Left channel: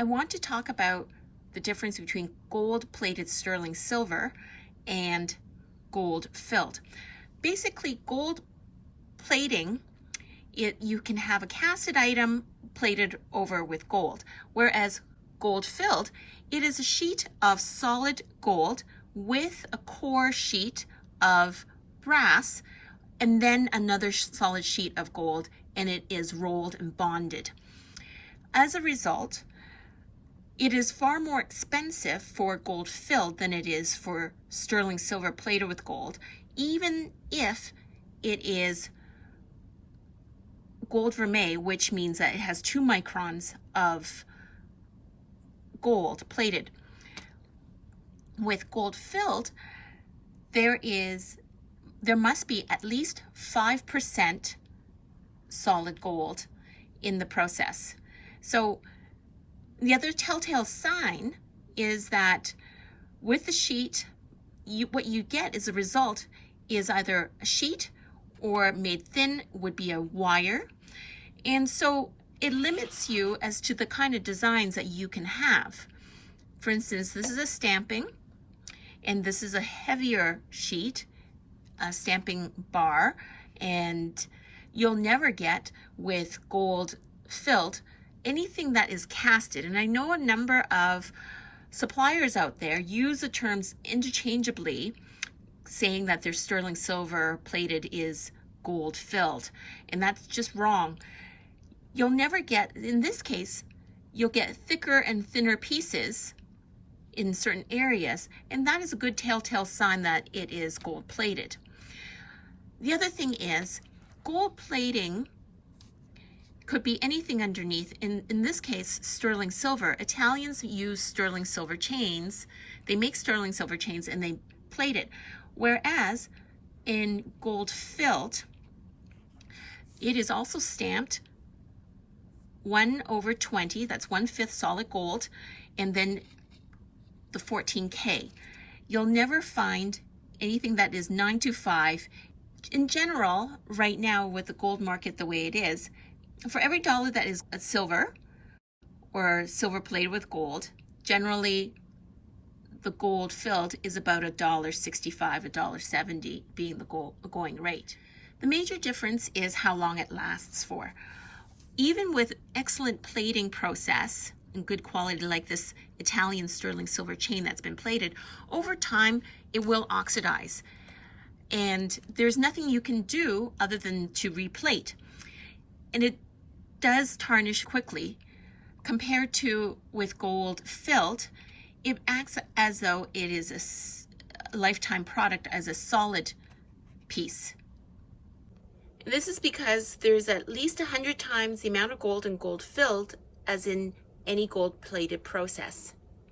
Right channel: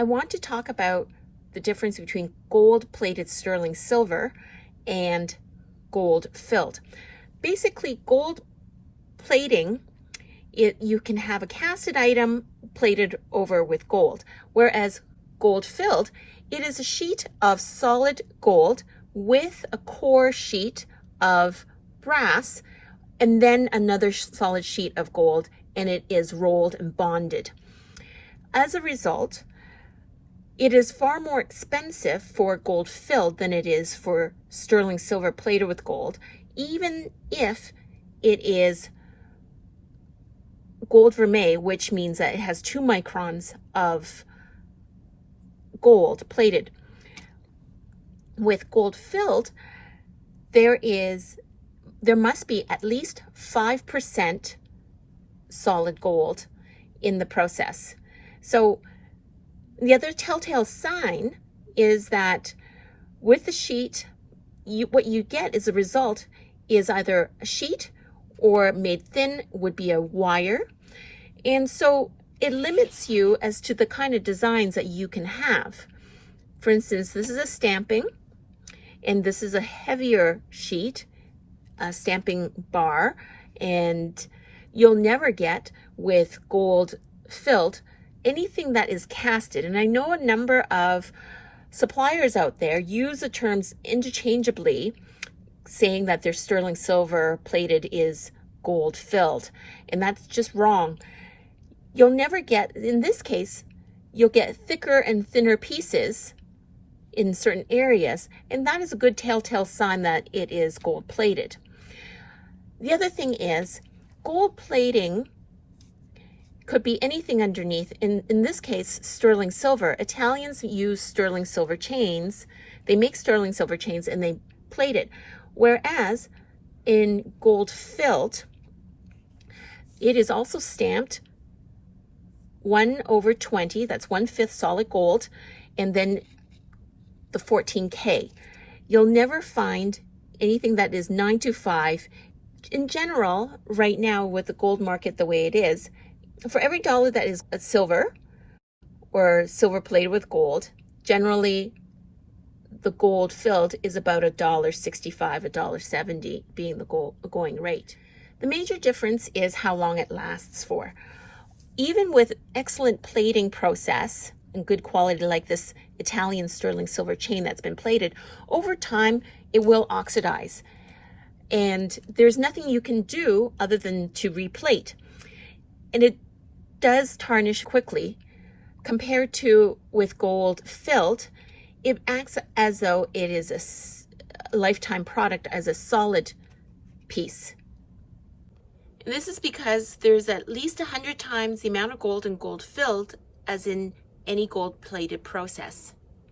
I want to talk about the difference between gold-plated sterling silver and gold-filled. Basically, gold plating, you can have a casted item plated over with gold, whereas gold-filled, it is a sheet of solid gold with a core sheet of brass and then another solid sheet of gold, and it is rolled and bonded. As a result, it is far more expensive for gold filled than it is for sterling silver plated with gold, even if it is gold vermeil, which means that it has 2 microns of gold plated. With gold filled, there must be at least 5% solid gold in the process. So the other telltale sign is that with the sheet, what you get as a result is either a sheet, or made thin would be a wire. And so it limits you as to the kind of designs that you can have. For instance, this is a stamping, and this is a heavier sheet, a stamping bar, and you'll never get with gold filled anything that is casted. And I know a number of suppliers out there use the terms interchangeably, saying that their sterling silver plated is gold filled, and that's just wrong. You'll never get, in this case, you'll get thicker and thinner pieces in certain areas, and that is a good telltale sign that it is gold plated. The other thing is, gold plating could be anything underneath. In this case, sterling silver. Italians use sterling silver chains. They make sterling silver chains and they plate it. Whereas in gold filled, it is also stamped 1/20, that's 1/5 solid gold, and then the 14K. You'll never find anything that is 925. In general, right now with the gold market the way it is, for every dollar that is silver or silver plated with gold, generally the gold filled is about $1.65, $1.70 being the going rate. The major difference is how long it lasts for. Even with excellent plating process and good quality like this Italian sterling silver chain that's been plated, over time it will oxidize. And there's nothing you can do other than to replate. And it does tarnish quickly. Compared to with gold filled, it acts as though it is a lifetime product, as a solid piece. And this is because there's at least 100 times the amount of gold in gold filled as in any gold plated process.